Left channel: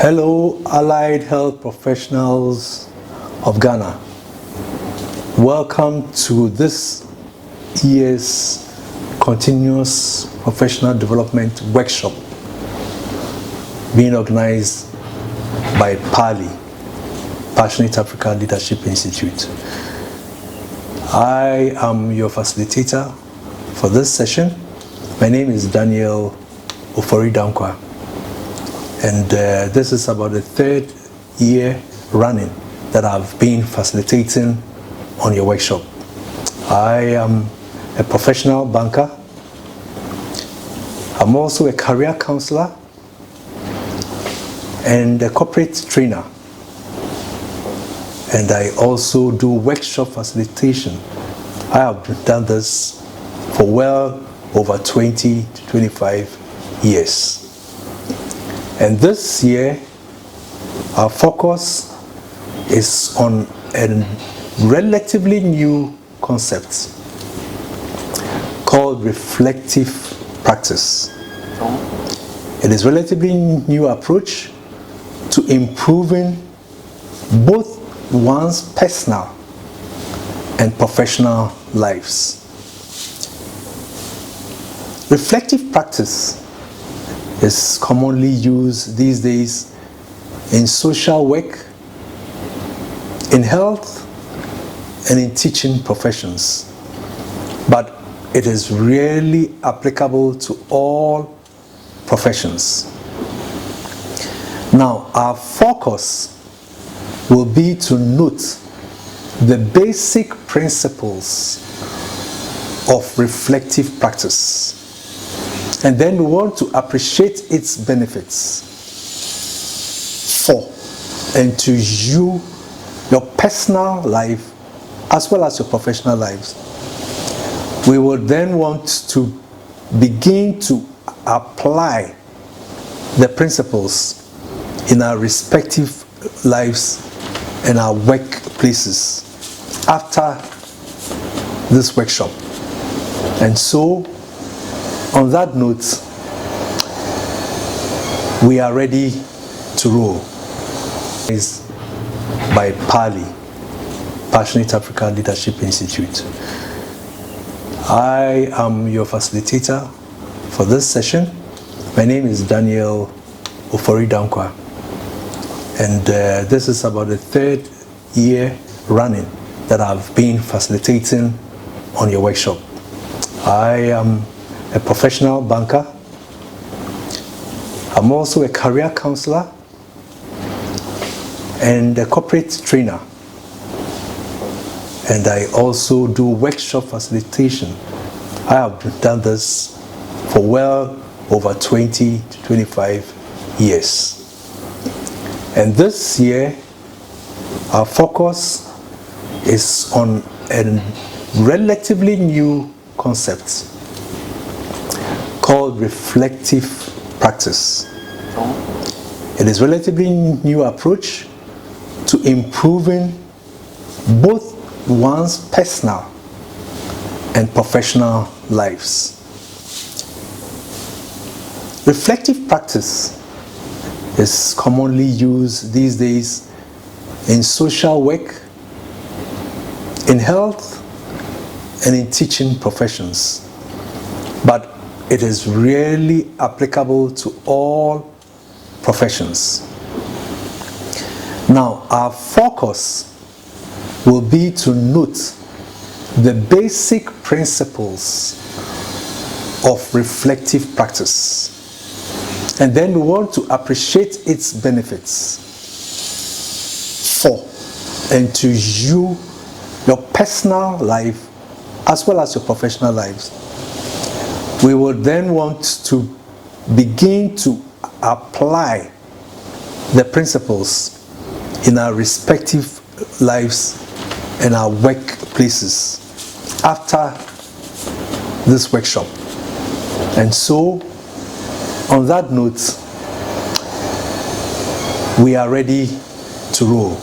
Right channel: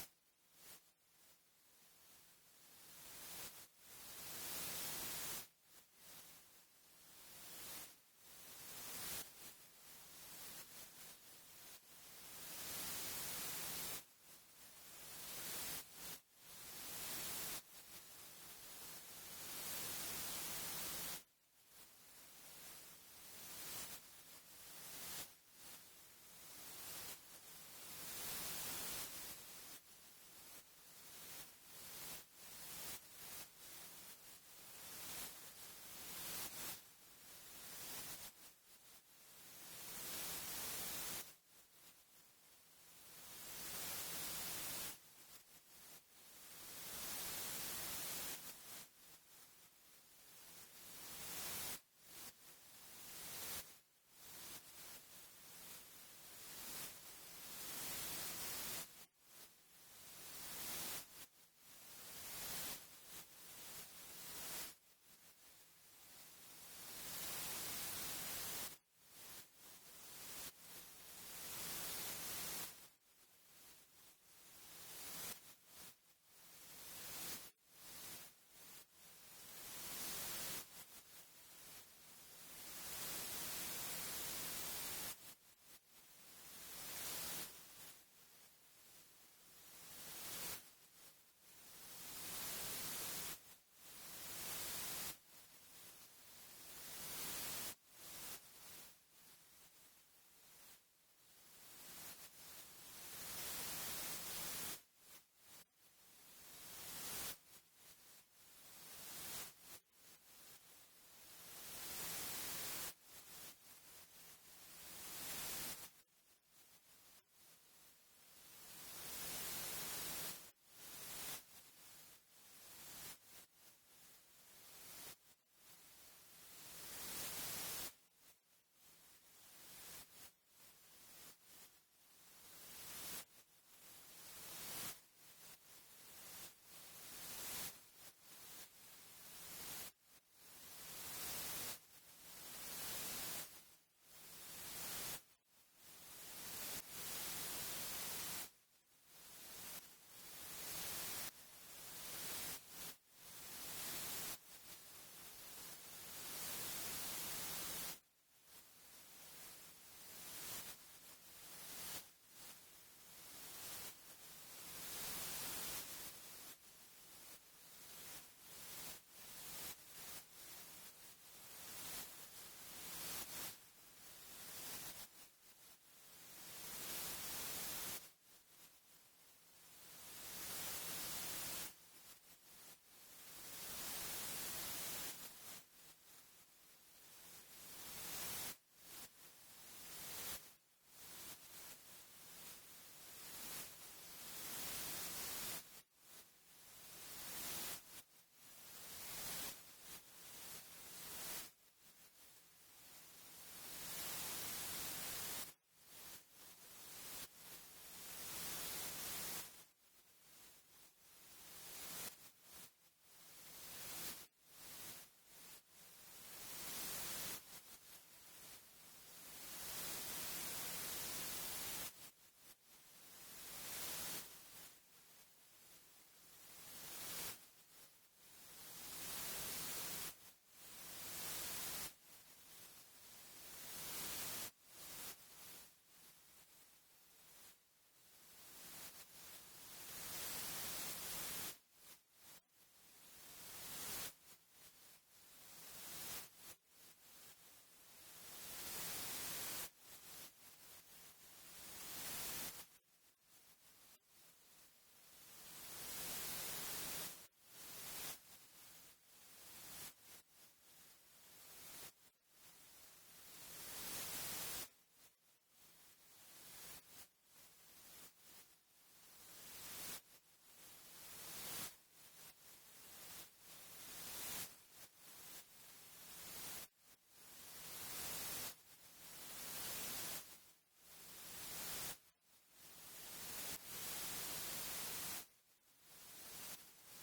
Hello, allied health professionals of Ghana. Welcome to this year's continuous professional development workshop being organized by PALI, Passionate Africa Leadership Institute. I am your facilitator for this session. My name is Daniel Ofori-Dankwa, and this is about the third year running that I've been facilitating on your workshop. I am a professional banker. I'm also a career counselor and a corporate trainer. And I also do workshop facilitation. I have done this for well over 20 to 25 years. And this year, our focus is on a relatively new concept called reflective practice. It is a relatively new approach to improving both one's personal and professional lives. Reflective practice is commonly used these days in social work, in health, and in teaching professions. But it is rarely applicable to all professions. Now, our focus will be to note the basic principles of reflective practice. And then we want to appreciate its benefits for and to you, your personal life, as well as your professional lives. We will then want to begin to apply the principles in our respective lives and our workplaces after this workshop. And so, on that note, we are ready to roll. It's by PALI, Passionate Africa Leadership Institute. I am your facilitator for this session. My name is Daniel Ofori-Dankwa, and this is about the third year running that I've been facilitating on your workshop. I am a professional banker. I'm also a career counselor and a corporate trainer. And I also do workshop facilitation. I have done this for well over 20 to 25 years. And this year, our focus is on a relatively new concept called reflective practice. It is a relatively new approach to improving both one's personal and professional lives. Reflective practice is commonly used these days in social work, in health, and in teaching professions. But it is rarely applicable to all professions. Now, our focus will be to note the basic principles of reflective practice. And then we want to appreciate its benefits for and to you, your personal life, as well as your professional lives. We will then want to begin to apply the principles in our respective lives and our workplaces after this workshop. And so, on that note, we are ready to roll.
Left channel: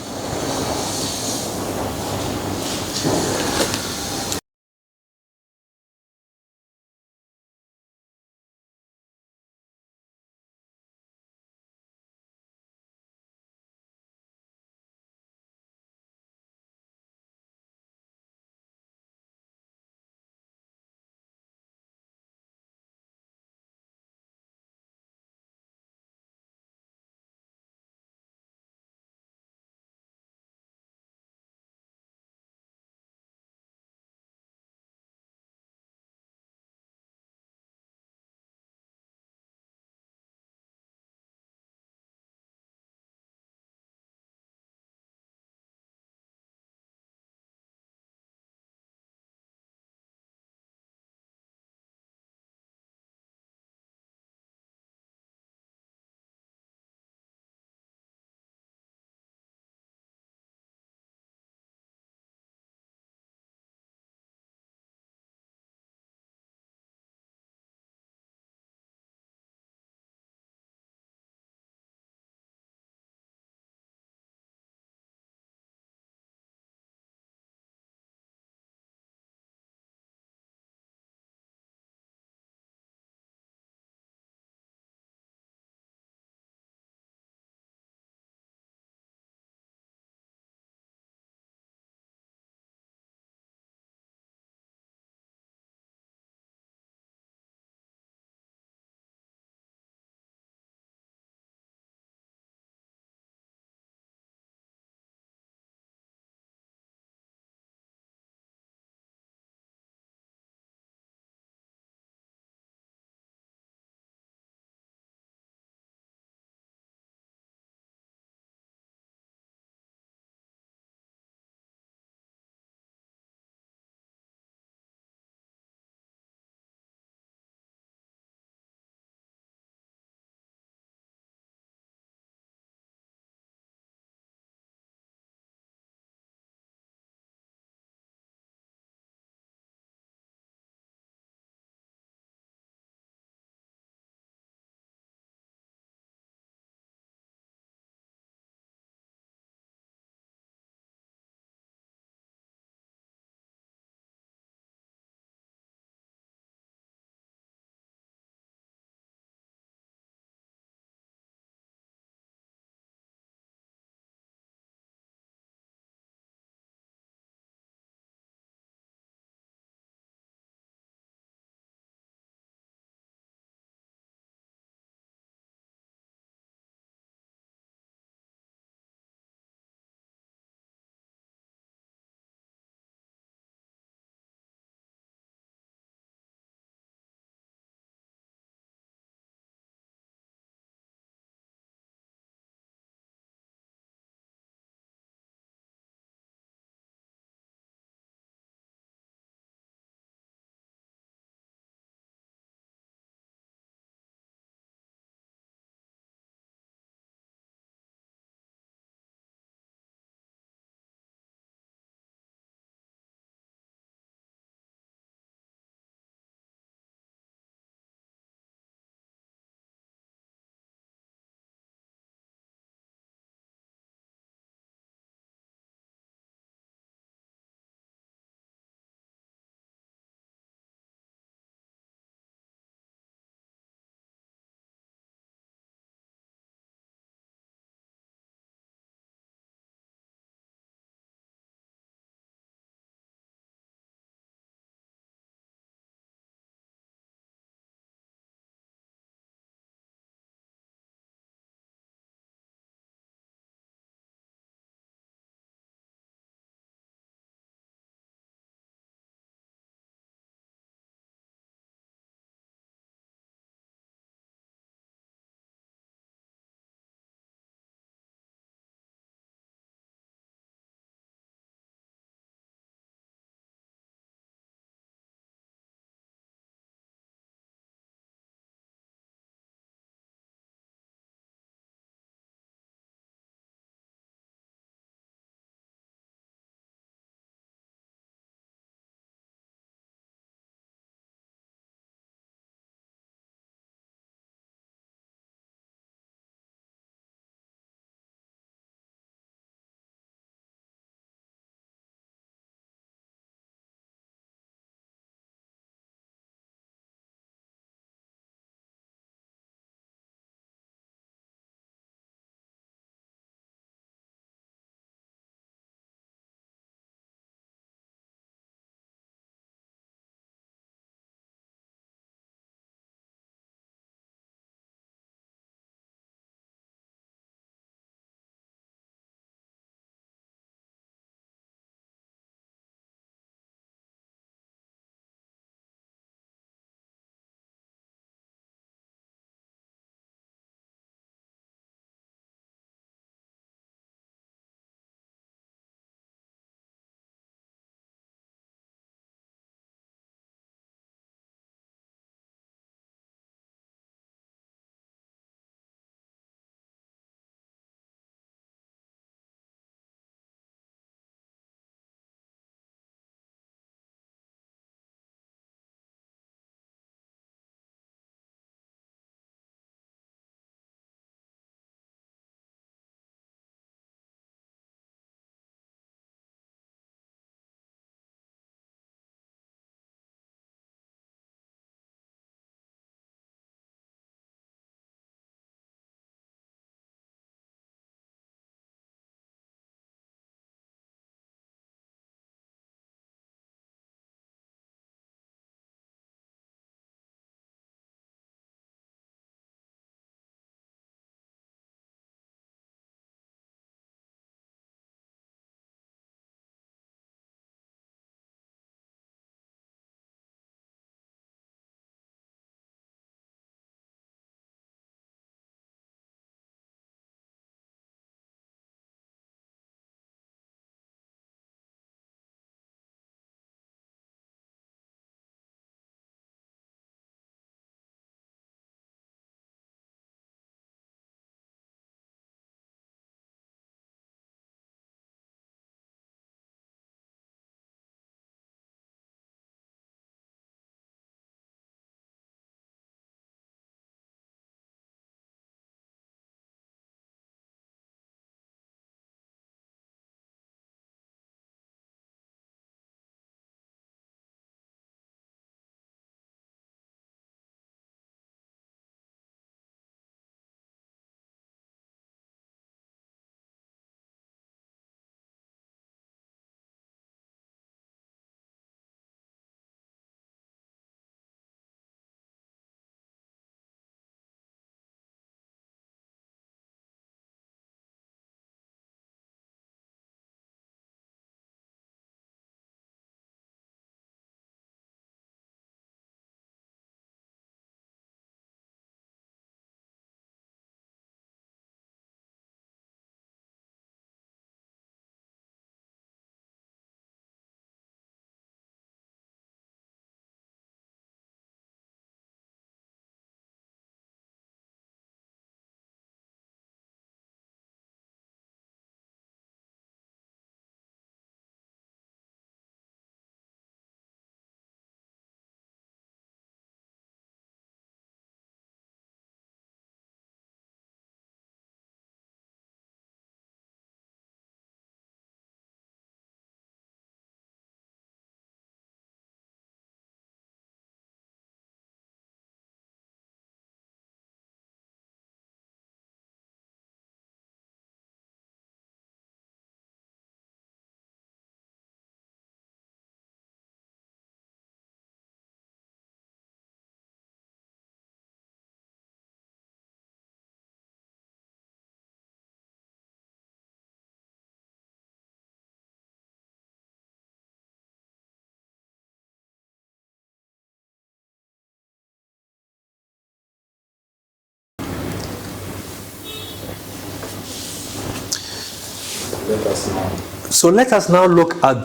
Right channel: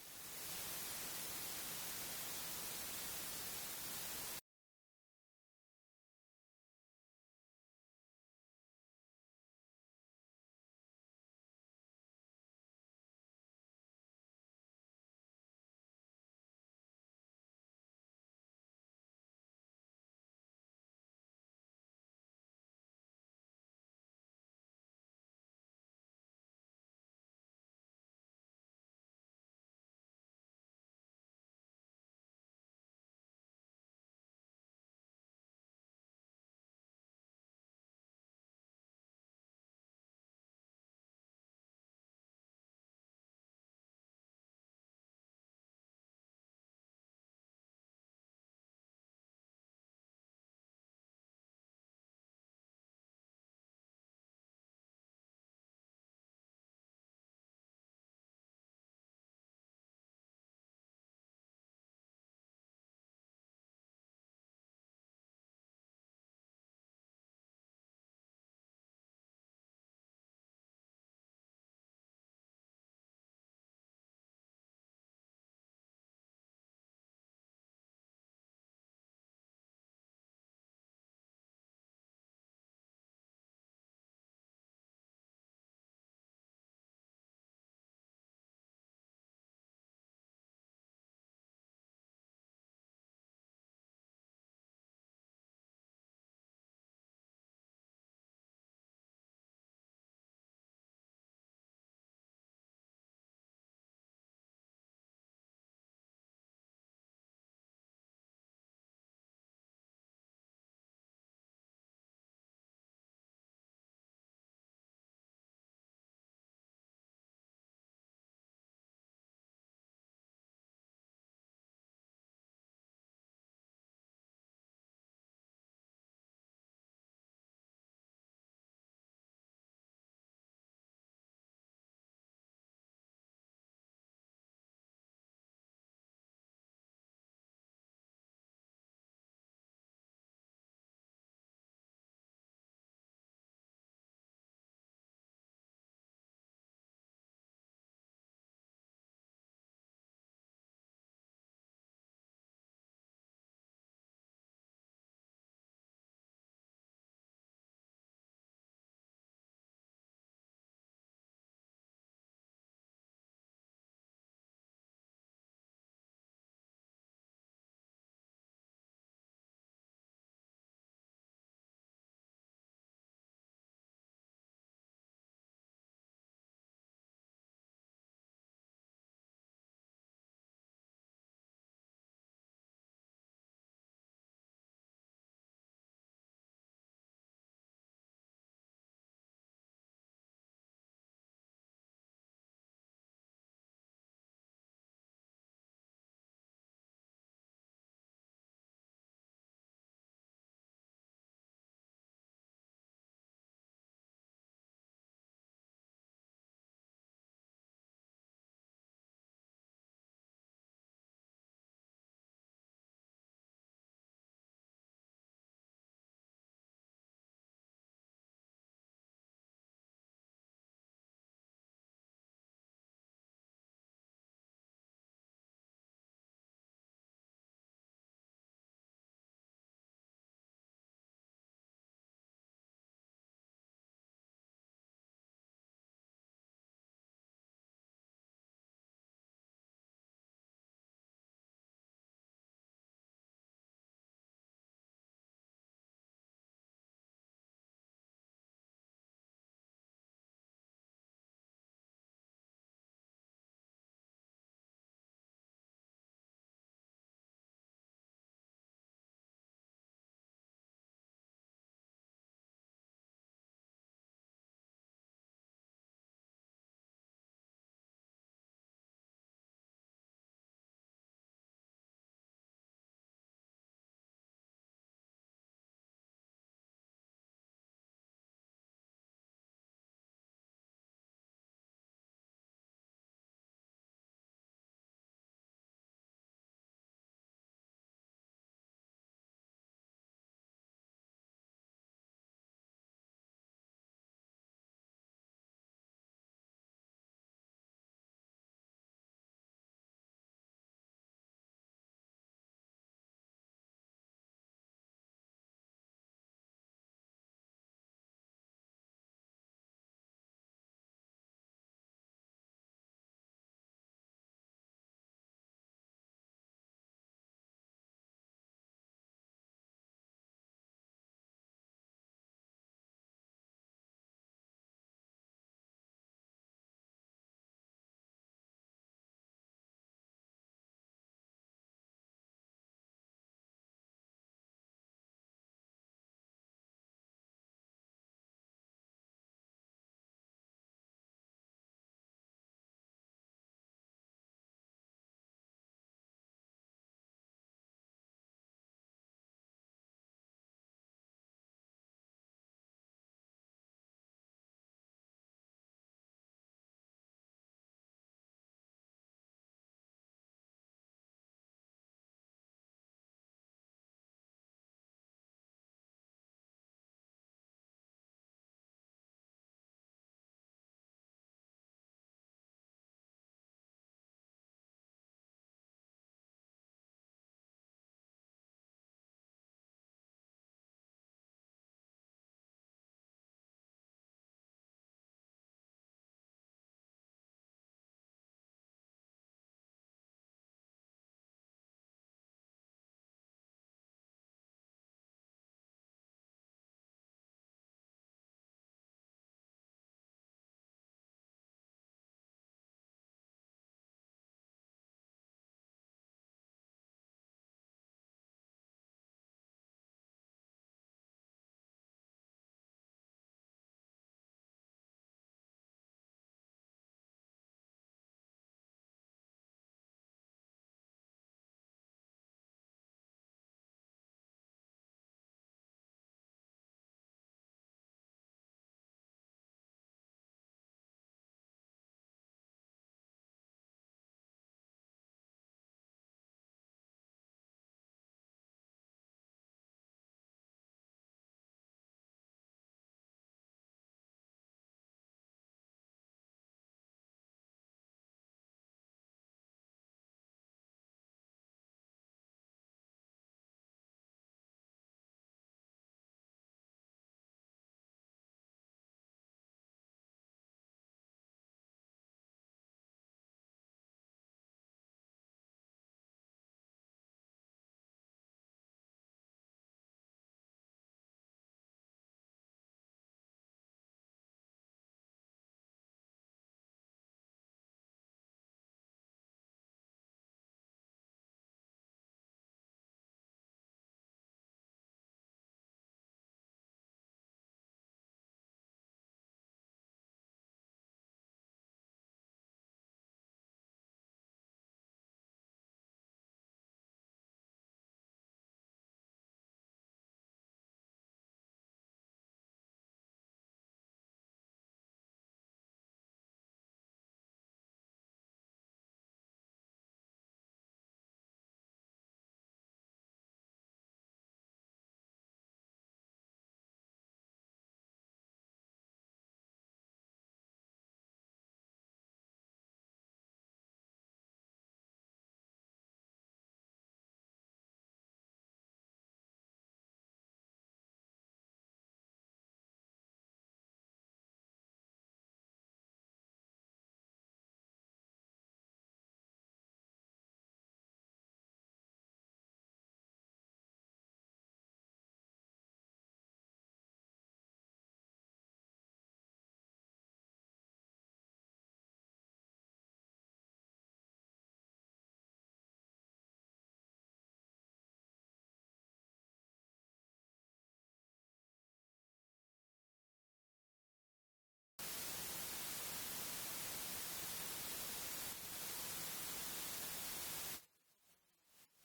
Let us know. So let us now look at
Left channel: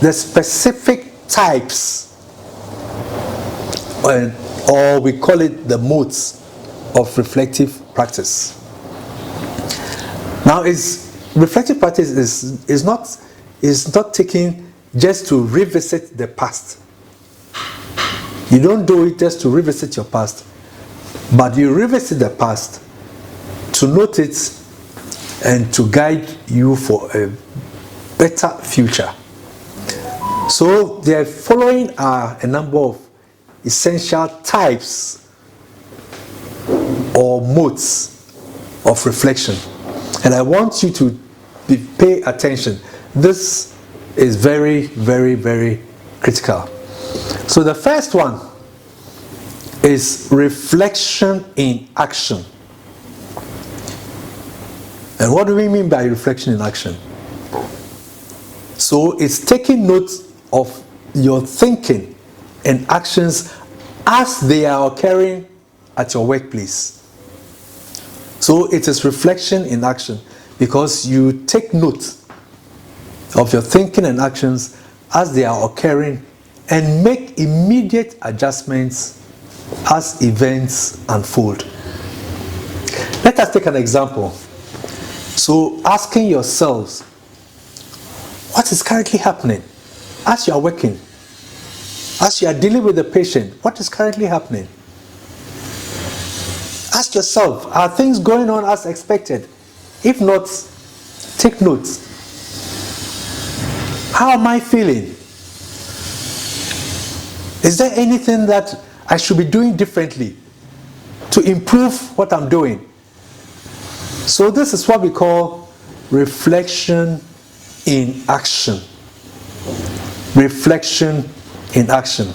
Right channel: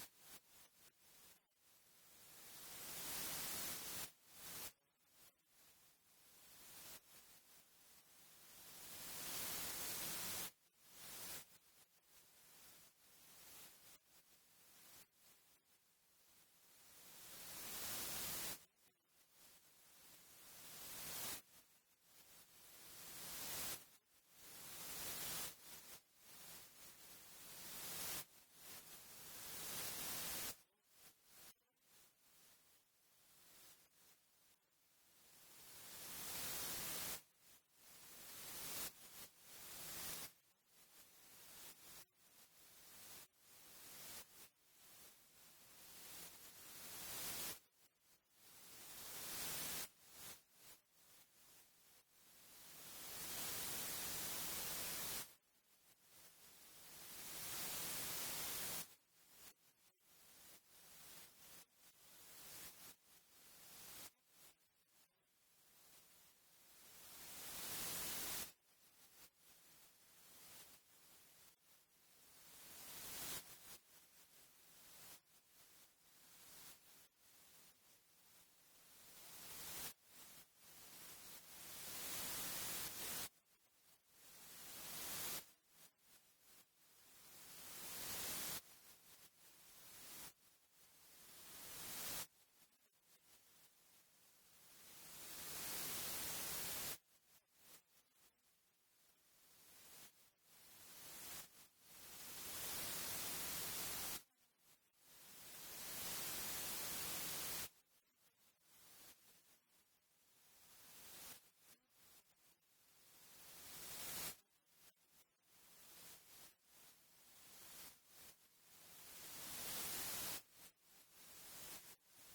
the specific types, or we call it the modes of reflective practice. Now, reflective practice is not taken just to revisit the past. You don't do it just to revisit your past, but you revisit the past to note it and to guide you for a better future. So the following are a number of essential types or modes of reflection. And I want you to pay attention. This is very, very, very critical. So the first one is reflection in action. And what do we mean by reflection in action? So it's taking note of your thinking and actions as they are occurring at your workplace. So it is reflection in action because you take note of your thinking and actions as they are occurring and make immediate adjustments as events unfold. Let us take an example. So asking yourselves, what is currently happening as you are working? As you are dealing with the patient, what is currently happening? Ask yourself, are things going on as expected? If not, take notes. How am I feeling? Is there anything that I should be doing differently to improve what I'm doing? So this is what we call reflection in action. Reflection in action.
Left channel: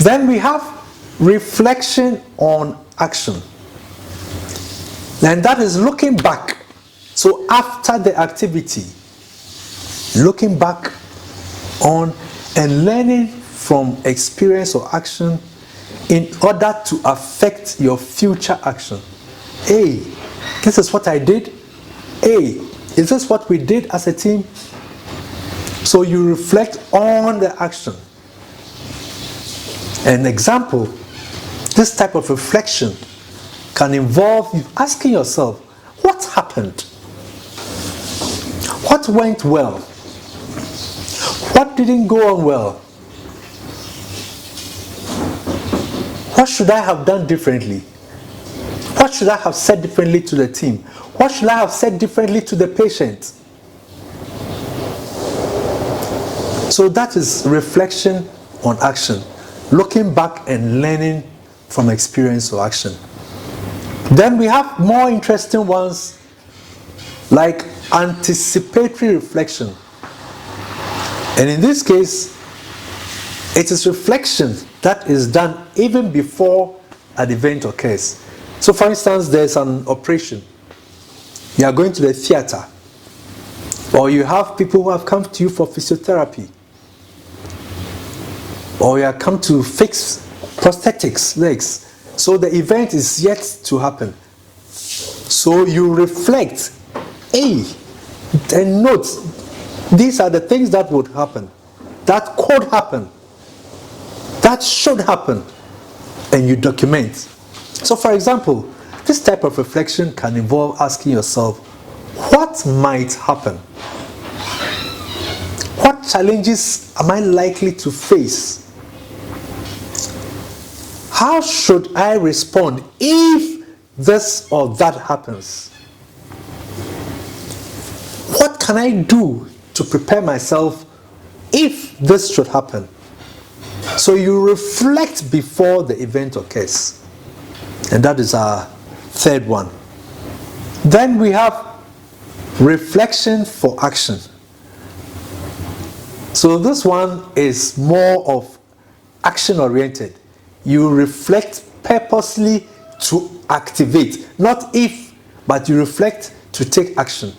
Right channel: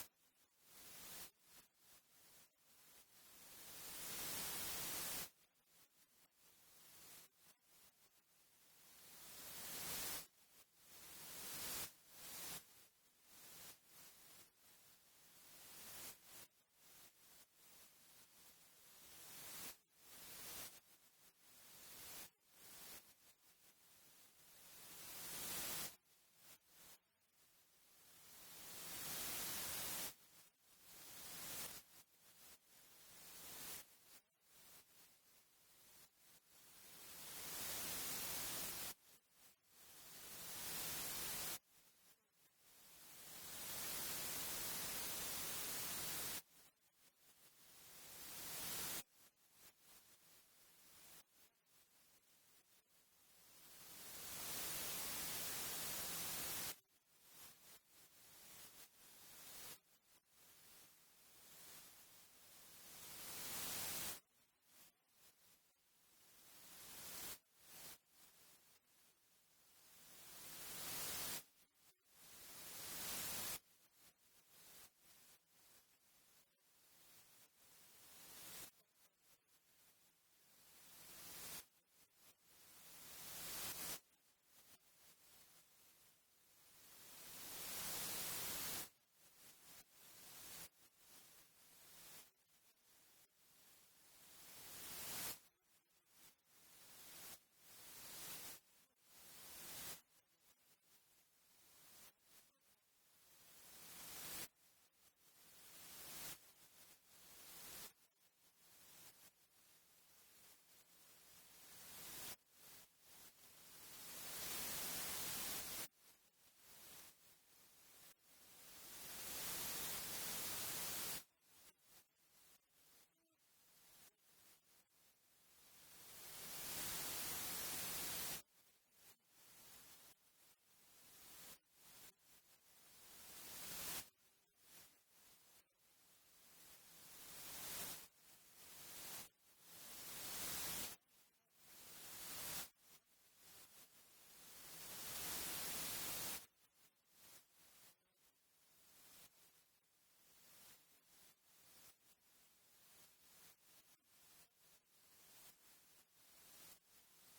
Then we have reflection on action. And that is looking back. So after the activity, looking back on and learning from experience or action in order to affect your future action. Hey, this is what I did. Hey, is this what we did as a team? So you reflect on the action. An example, this type of reflection can involve you asking yourself, what happened? What went well? What didn't go on well? What should I have done differently? What should I have said differently to the team? What should I have said differently to the patient? So that is reflection on action. Looking back and learning from experience or action. Then we have more interesting ones like anticipatory reflection. And in this case, it is reflection that is done even before an event occurs. So for instance, there's an operation. You are going to the theater. Or you have people who have come to you for physiotherapy. Or you have come to fix prosthetics, legs. So the event is yet to happen. So you reflect, and note, these are the things that would happen, that could happen, that should happen, and you document. So for example, this type of reflection can involve asking yourself, what might happen? What challenges am I likely to face? How should I respond if this or that happens? What can I do to prepare myself if this should happen? So you reflect before the event occurs. And that is our third one. Then we have reflection for action. So this one is more of action-oriented. You reflect purposely to activate, not if, but you reflect to take action.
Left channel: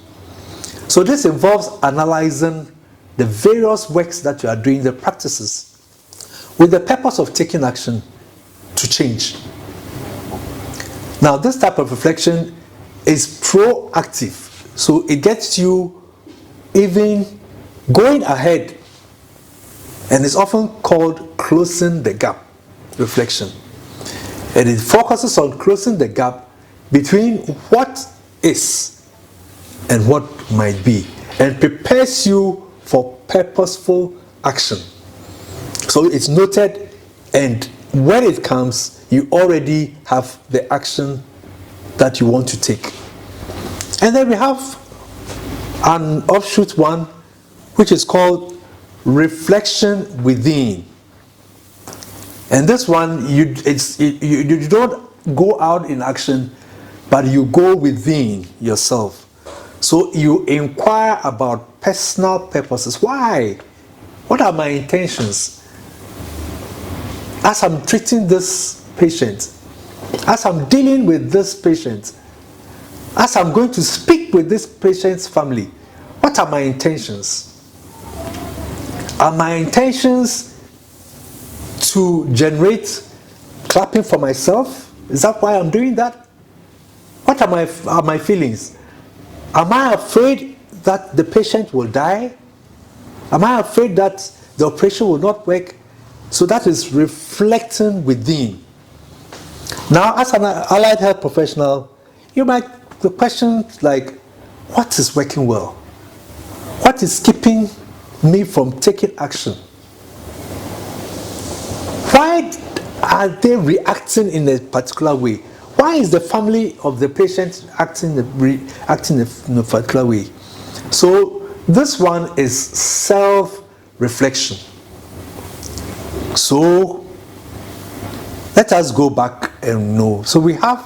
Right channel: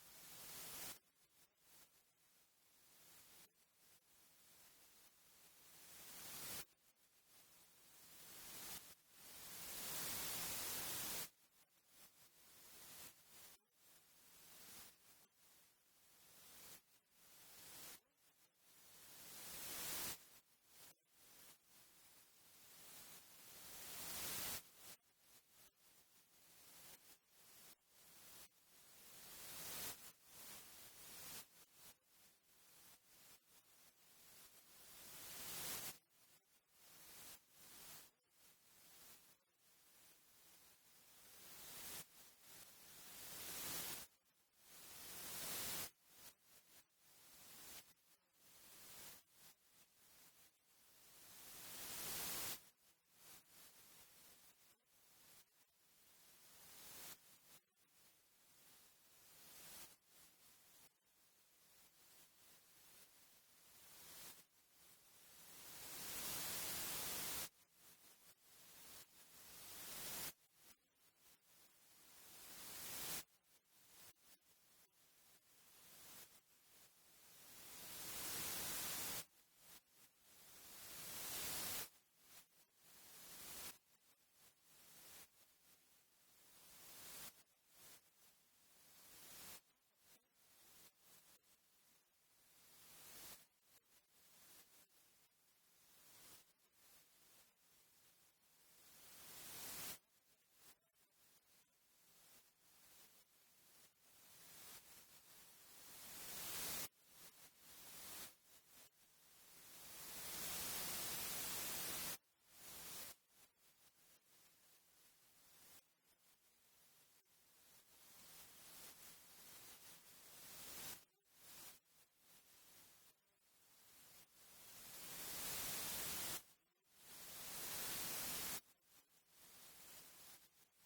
So this involves analyzing the various works that you are doing, the practices, with the purpose of taking action to change. Now, this type of reflection is proactive. So it gets you even going ahead, and it's often called closing the gap reflection. And it focuses on closing the gap between what is and what might be, and prepares you for purposeful action. So it's noted, and when it comes, you already have the action that you want to take. And then we have an offshoot one, which is called reflection within. And this one, you don't go out in action, but you go within yourself. So you inquire about personal purposes. Why? What are my intentions? As I'm treating this patient, as I'm dealing with this patient, as I'm going to speak with this patient's family, what are my intentions? Are my intentions to generate clapping for myself? Is that why I'm doing that? What are my feelings? Am I afraid that the patient will die? Am I afraid that the operation will not work? So that is reflecting within. Now, as an allied health professional, you might question like, what is working well? What is keeping me from taking action? Why are they reacting in a particular way? Why is the family of the patient acting in a particular way? So this one is self-reflection. So let us go back and know. So we have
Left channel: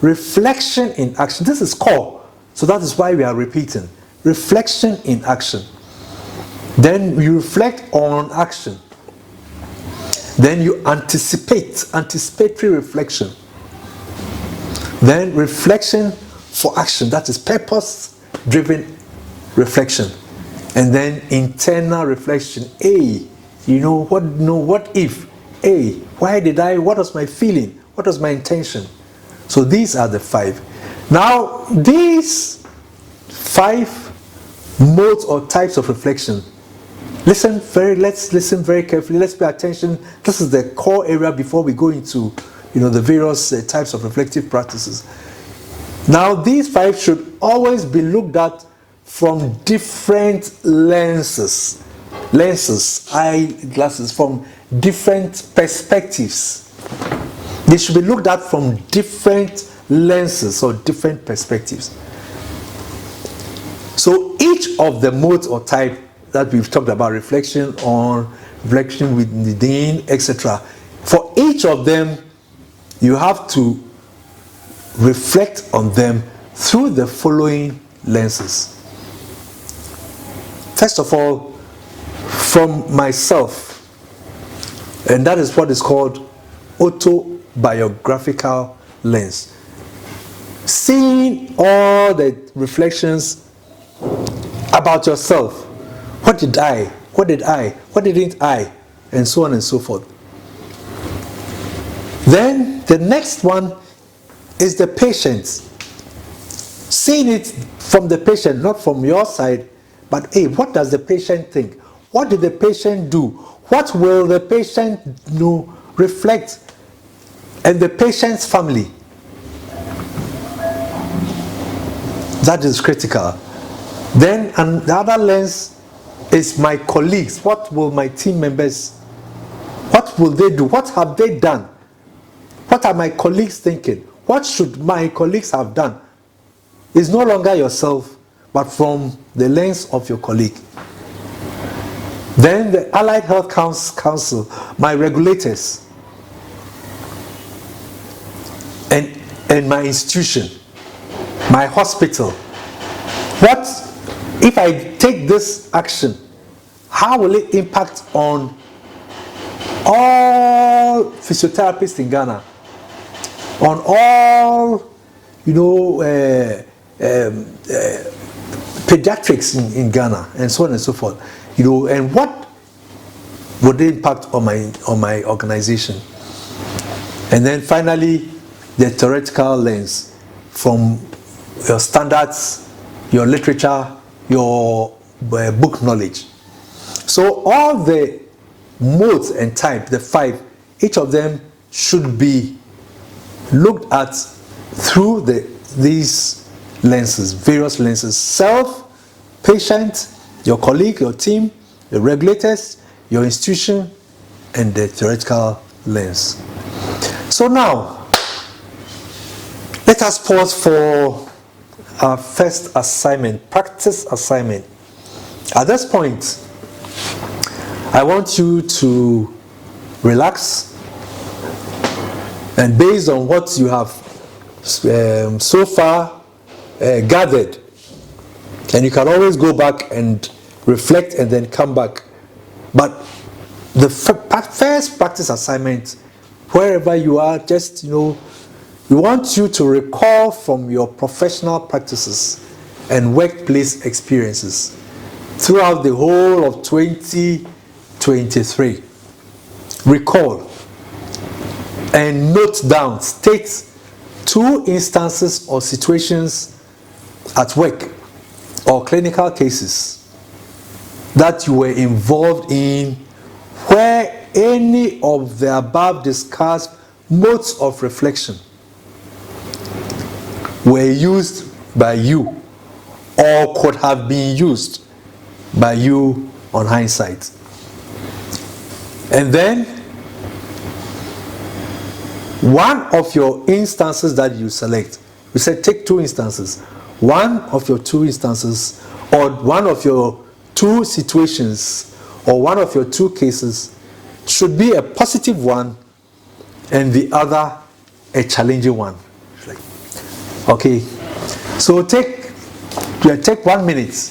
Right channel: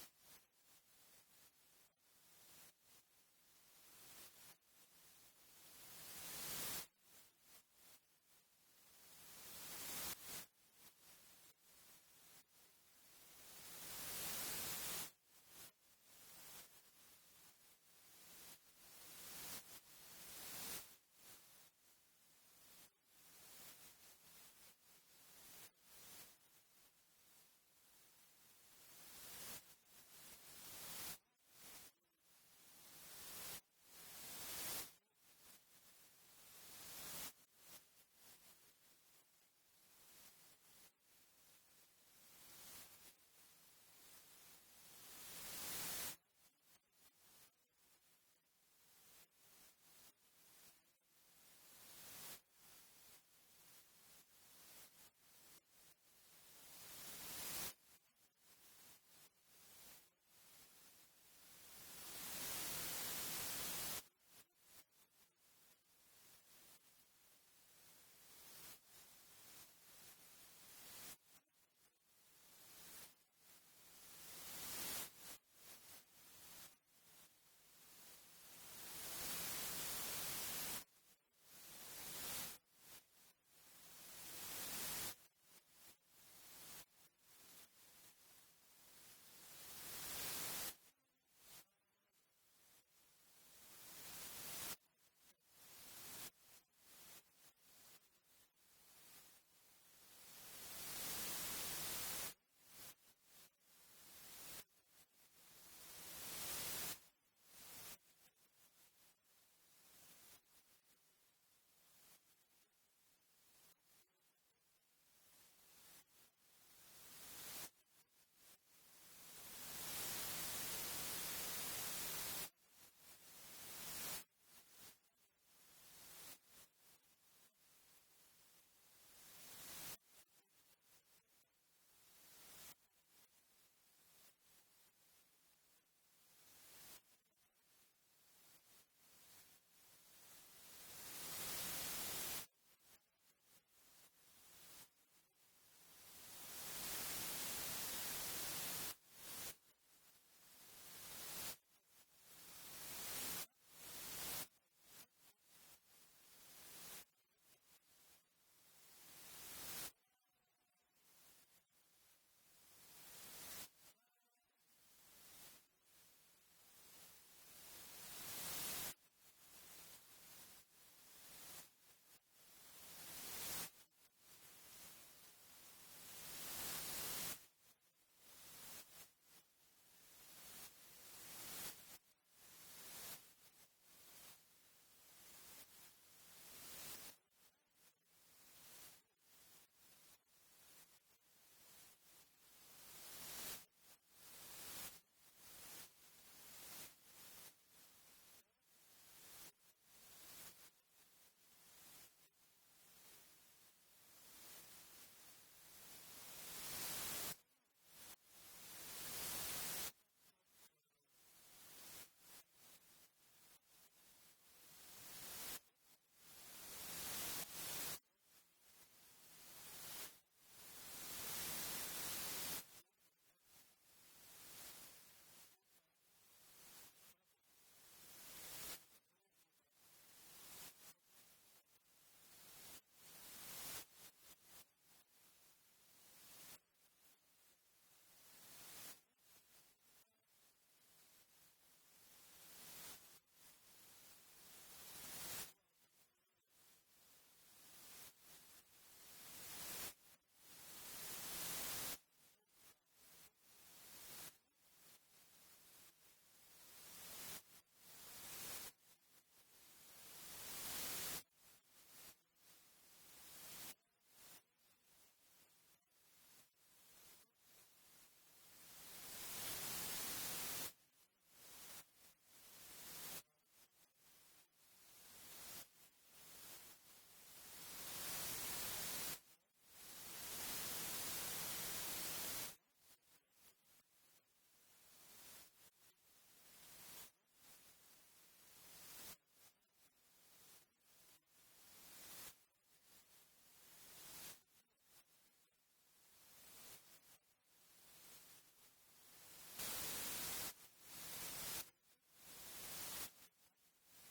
reflection in action. This is core. So that is why we are repeating. Reflection in action. Then you reflect on action. Then you anticipatory reflection. Then reflection for action, that is purpose-driven reflection. And then internal reflection. What if? Why did I? What was my feeling? What was my intention? So these are the 5. Now, these 5 modes or types of reflection, let's listen very carefully. Let's pay attention. This is the core area before we go into the various types of reflective practices. Now, these 5 should always be looked at from different lenses, eyeglasses, from different perspectives. They should be looked at from different lenses or different perspectives. So each of the modes or type that we've talked about, reflection on, reflection within, etc., for each of them, you have to reflect on them through the following lenses. First of all, from myself, and that is what is called autobiographical lens. Seeing all the reflections about yourself. What did I? What didn't I? And so on and so forth. Then the next one is the patient. Seeing it from the patient, not from your side, but what does the patient think? What did the patient do? What will the patient reflect? And the patient's family. That is critical. Then another lens is my colleagues. What will my team members, what will they do? What have they done? What are my colleagues thinking? What should my colleagues have done? It's no longer yourself, but from the lens of your colleague. Then the Allied Health Council, my regulators, and my institution, my hospital. What if I take this action? How will it impact on all physiotherapists in Ghana? On all, pediatrics in Ghana, and so on and so forth. And what would the impact on my organization? And then finally, the theoretical lens from your standards your literature, your book knowledge. So all the modes and type, the 5, each of them should be looked at through these lenses, various lenses: self, patient, your colleague, your team, the regulators, your institution, and the theoretical lens. So now, let us pause for our first assignment, practice assignment. At this point, I want you to relax, and based on what you have so far gathered, and you can always go back and reflect and then come back. But the first practice assignment, wherever you are, just, we want you to recall from your professional practices and workplace experiences throughout the whole of 2023. Recall and note down, state 2 instances or situations at work or clinical cases that you were involved in where any of the above discussed modes of reflection were used by you or could have been used by you on hindsight. And then one of your instances that you select, we said take 2 instances. One of your 2 instances, or one of your 2 situations, or one of your 2 cases should be a positive one and the other a challenging one. Okay, so take 1 minute.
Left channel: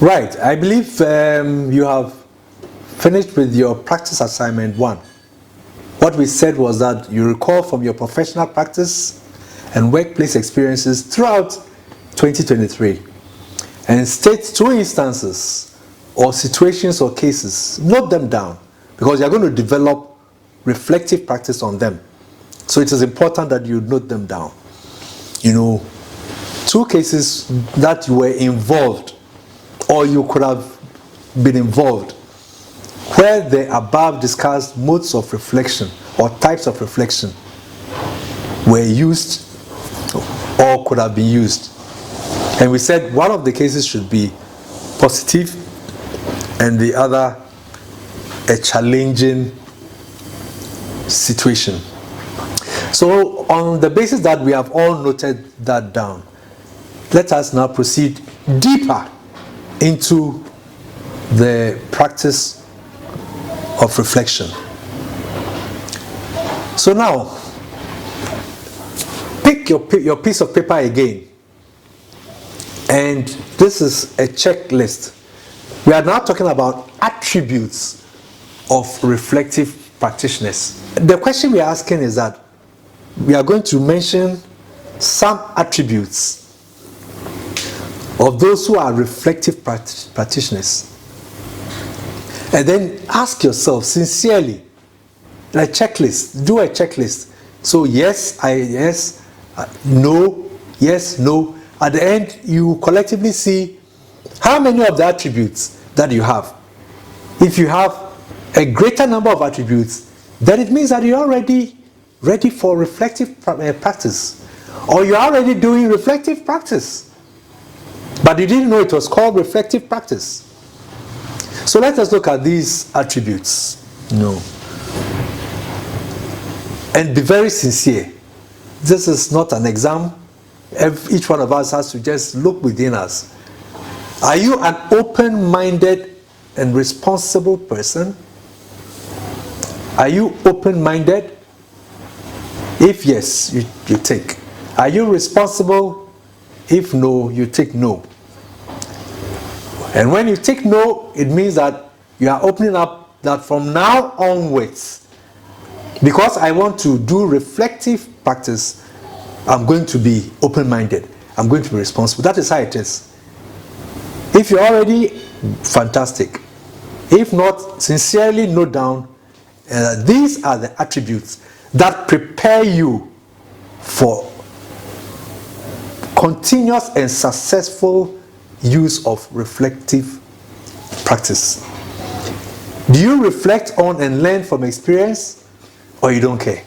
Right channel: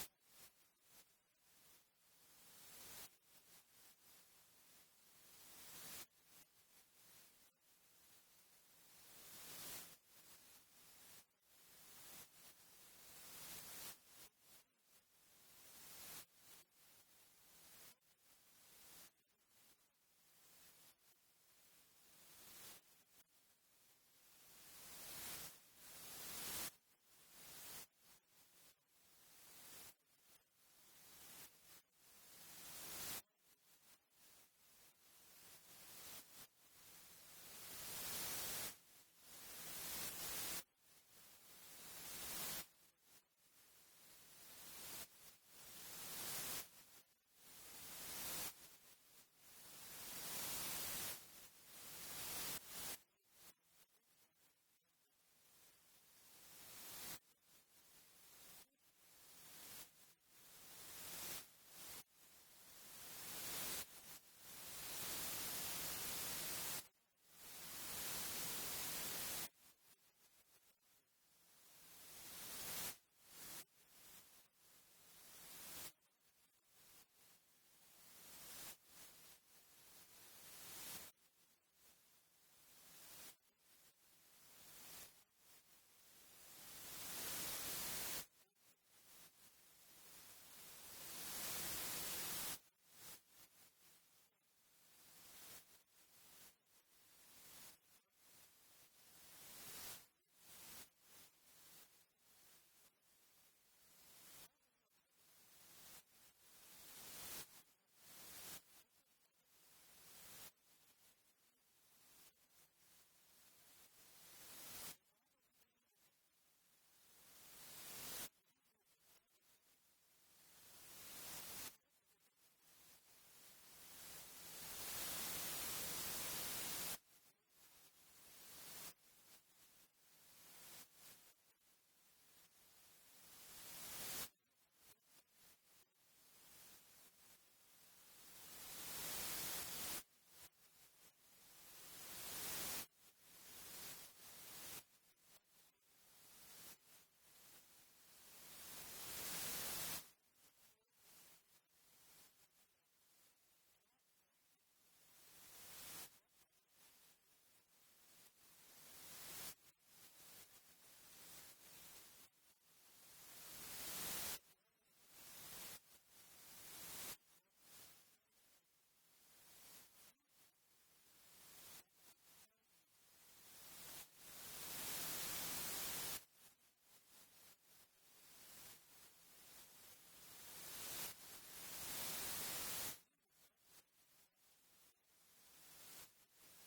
Right, I believe you have finished with your practice assignment 1. What we said was that you recall from your professional practice and workplace experiences throughout 2023 and state 2 instances or situations or cases. Note them down because you're going to develop reflective practice on them. So it is important that you note them down. 2 cases that you were involved or you could have been involved where the above discussed modes of reflection or types of reflection were used or could have been used. And we said one of the cases should be positive and the other a challenging situation. So on the basis that we have all noted that down, let us now proceed deeper into the practice of reflection. So now, pick your piece of paper again, and this is a checklist. We are now talking about attributes of reflective practitioners. The question we are asking is that we are going to mention some attributes of those who are reflective practitioners. And then ask yourself sincerely, a checklist, do a checklist. So yes, no, yes, no. At the end, you collectively see how many of the attributes that you have. If you have a greater number of attributes, then it means that you're already ready for reflective practice. Or you're already doing reflective practice. But you didn't know it was called reflective practice. So let us look at these attributes. And be very sincere. This is not an exam. Each one of us has to just look within us. Are you an open-minded and responsible person? Are you open-minded? If yes, you take. Are you responsible? If no, you take no. And when you take no, it means that you are opening up that from now onwards, because I want to do reflective practice, I'm going to be open-minded. I'm going to be responsible. That is how it is. If you're already, fantastic. If not, sincerely note down these are the attributes that prepare you for continuous and successful use of reflective practice? Do you reflect on and learn from experience, or you don't care?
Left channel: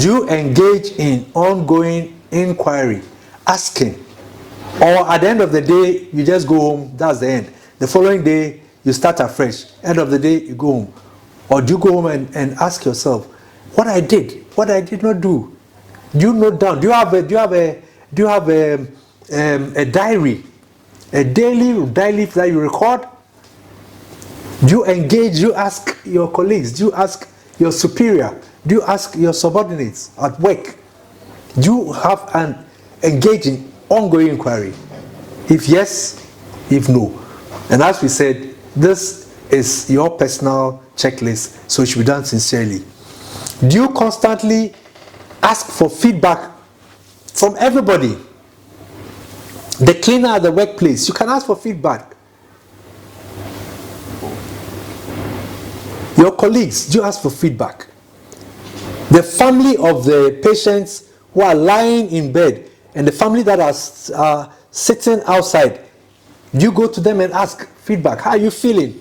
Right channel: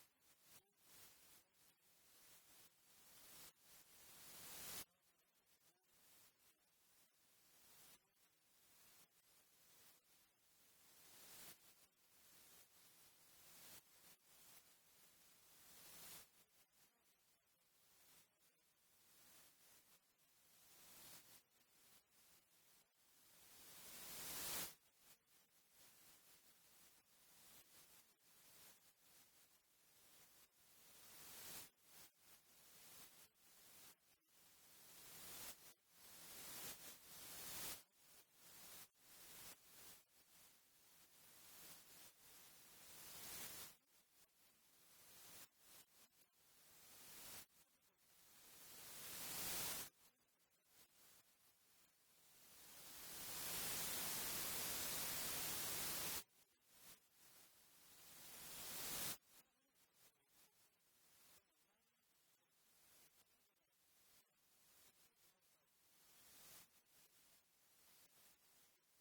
Do you engage in ongoing inquiry, asking, or at the end of the day, you just go home, that's the end? The following day, you start afresh. End of the day, you go home. Or do you go home and ask yourself, what I did not do? Do you note down? Do you have a diary, a daily diary that you record? Do you engage? Do you ask your colleagues? Do you ask your superior? Do you ask your subordinates at work? Do you have an engaging, ongoing inquiry? If yes, if no. And as we said, this is your personal checklist, so it should be done sincerely. Do you constantly ask for feedback from everybody? The cleaner at the workplace, you can ask for feedback. Your colleagues, do you ask for feedback? The family of the patients who are lying in bed and the family that are sitting outside, do you go to them and ask feedback? How are you feeling?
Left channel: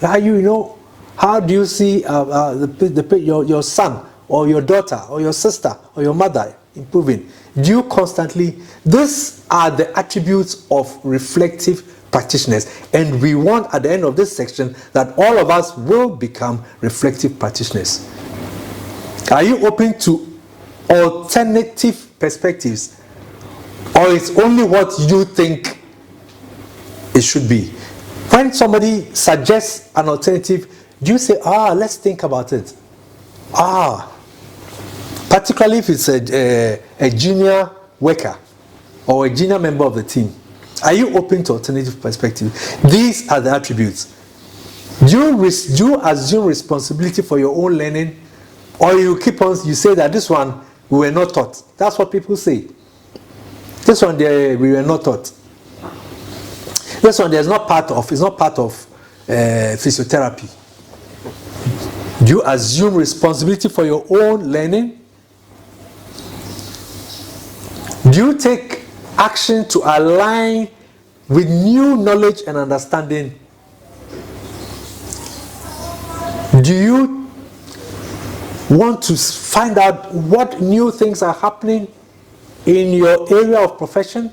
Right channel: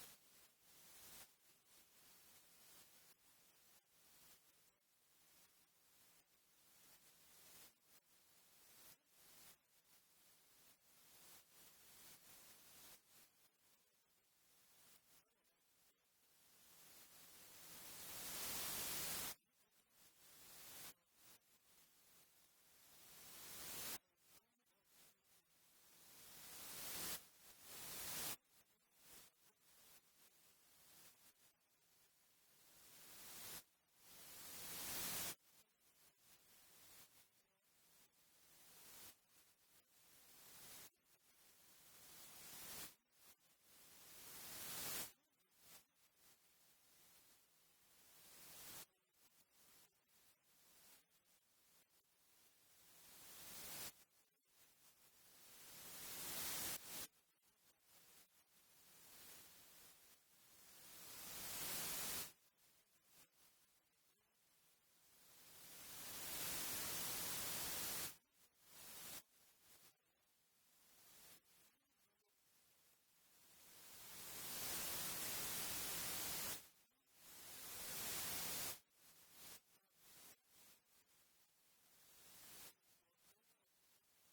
How do you see your son or your daughter or your sister or your mother improving? Do you constantly? These are the attributes of reflective practitioners, and we want at the end of this section that all of us will become reflective practitioners. Are you open to alternative perspectives, or it's only what you think it should be? When somebody suggests an alternative, do you say, let's think about it? Particularly if it's a junior worker or a junior member of the team. Are you open to alternative perspective? These are the attributes. Do you assume responsibility for your own learning, or you say that this one we were not taught? That's what people say. This one we were not taught. This one is not part of physiotherapy. Do you assume responsibility for your own learning? Do you take action to align with new knowledge and understanding? Do you want to find out what new things are happening in your area of profession?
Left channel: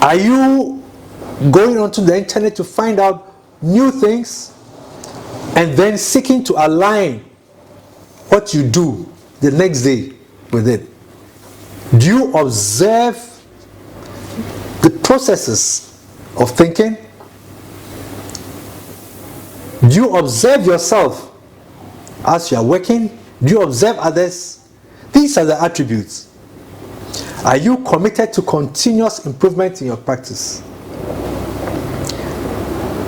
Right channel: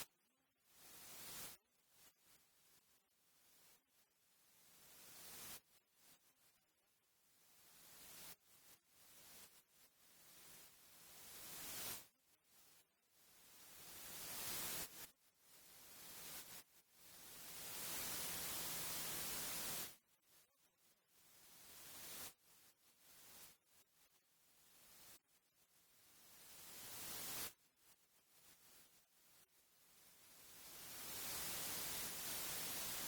Are you going onto the internet to find out new things and then seeking to align what you do the next day with it? Do you observe the processes of thinking? Do you observe yourself as you are working? Do you observe others? These are the attributes. Are you committed to continuous improvement in your practice?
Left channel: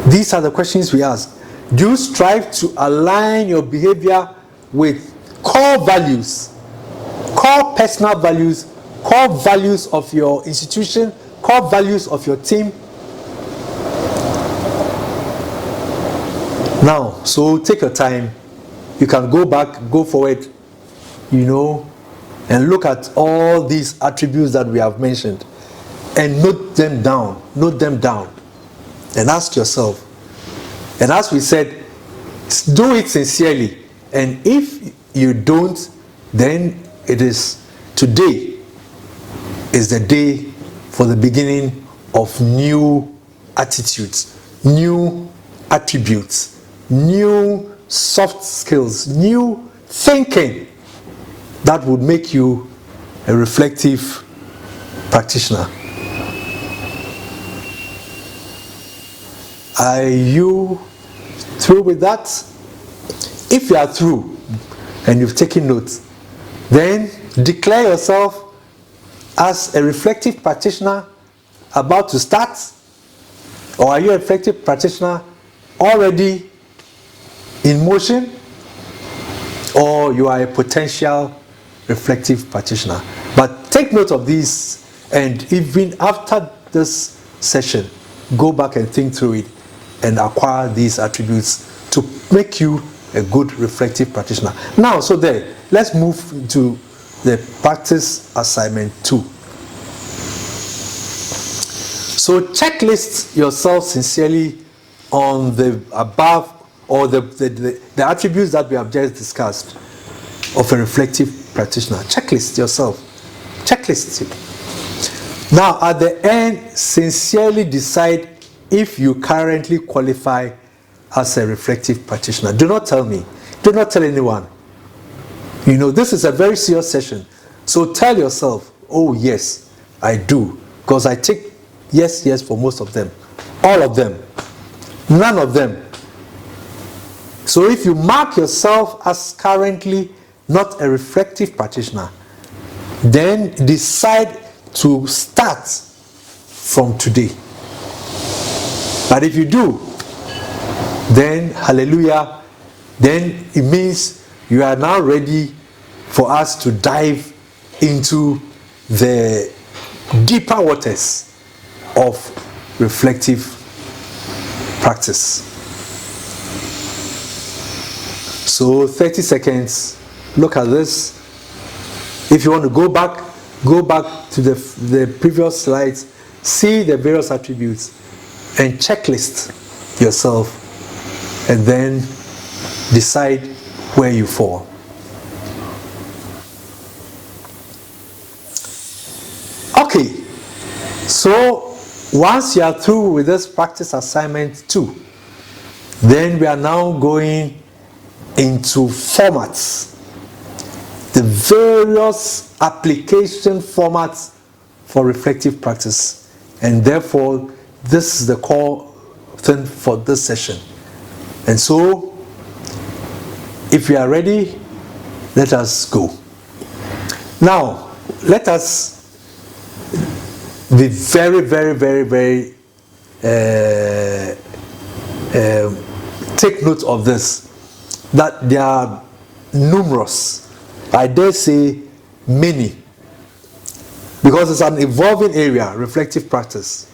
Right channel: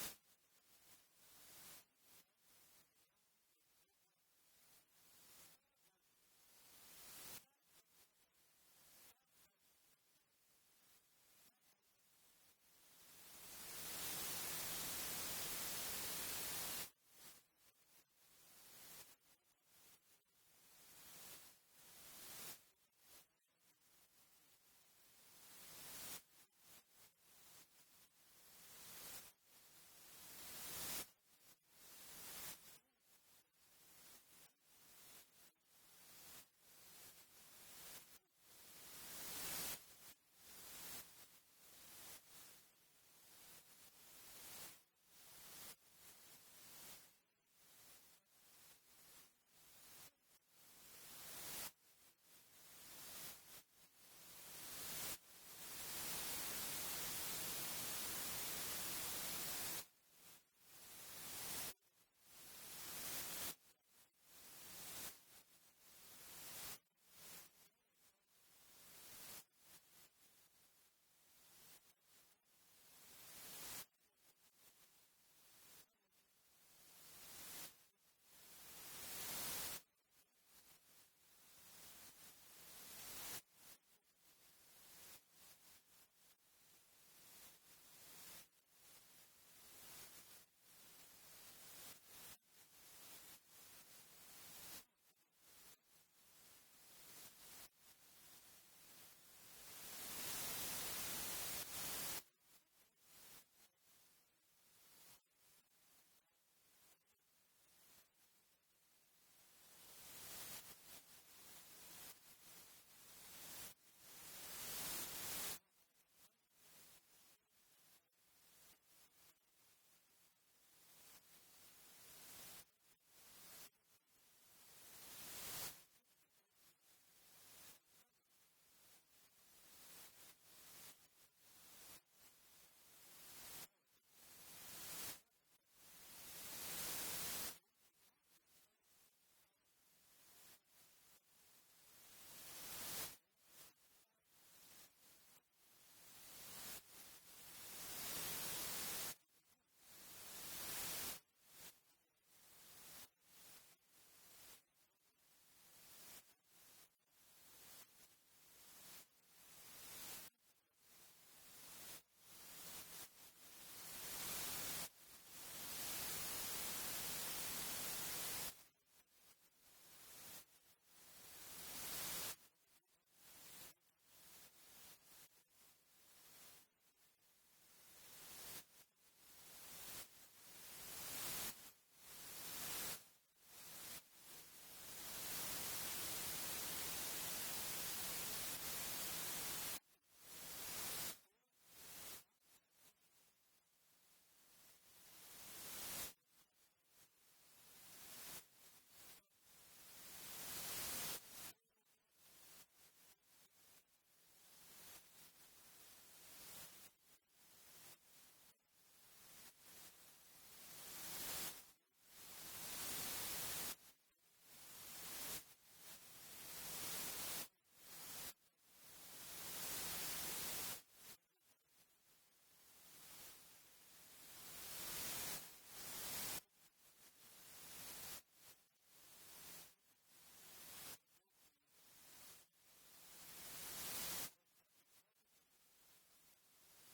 These are the questions we ask. Do you strive to align your behavior with core values, core personal values, core values of your institution, core values of your team? Now, so take your time. You can go back, go forward, and look at all these attributes that we have mentioned and note them down, and ask yourself. And as we said, do it sincerely. And if you don't, then today is the day for the beginning of new attitudes, new attributes, new soft skills, new thinking that would make you a reflective practitioner. Are you through with that? If you are through and you've taken notes, then declare yourself as a reflective practitioner about to start, or are you a reflective practitioner already in motion, or you are a potential reflective practitioner. But take note of these, and even after this session, go back and think through it and acquire these attributes to make you a good reflective practitioner. Now, so there, let's move to the practice assignment 2. So checklist yourself sincerely on the above or the attributes that we have just discussed of a reflective practitioner. Checklist yourself. Checklist it. Now, at the end, sincerely decide if you currently qualify as a reflective practitioner. Do not tell me. Do not tell anyone. You know, this is a very serious session. So tell yourself, oh yes, I do. Because I take yes for most of them. All of them. None of them. So if you mark yourself as currently not a reflective practitioner, then decide to start from today. But if you do, then hallelujah, then it means you are now ready for us to dive into the deeper waters of reflective practice. So 30 seconds, look at this. If you want to go back to the previous slides, see the various attributes and checklist yourself, and then decide where you fall. Okay, so once you are through with this practice assignment 2, then we are now going into formats, the various application formats for reflective practice, and therefore this is the core thing for this session. And so, if we are ready, let us go. Now, let us be very, very, very, very take note of this, that there are numerous, I dare say many, because it's an evolving area, reflective practice.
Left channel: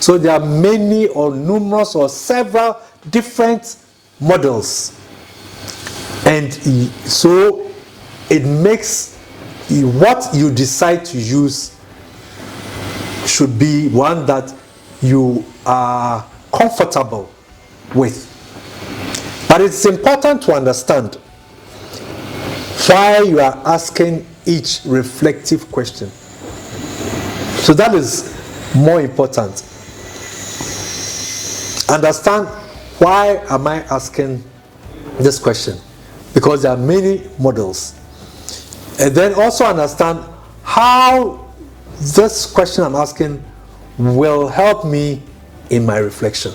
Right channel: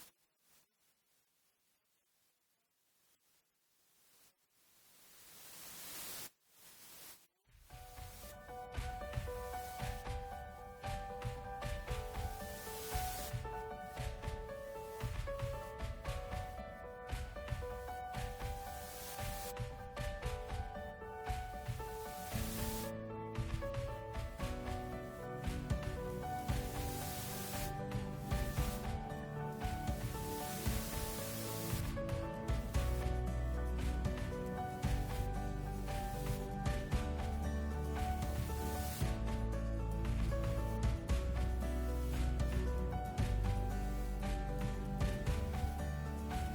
So there are many or numerous or several different models, and so it makes what you decide to use should be one that you are comfortable with. But it's important to understand why you are asking each reflective question. So that is more important. Understand, why am I asking this question? Because there are many models. And then also understand how this question I'm asking will help me in my reflection.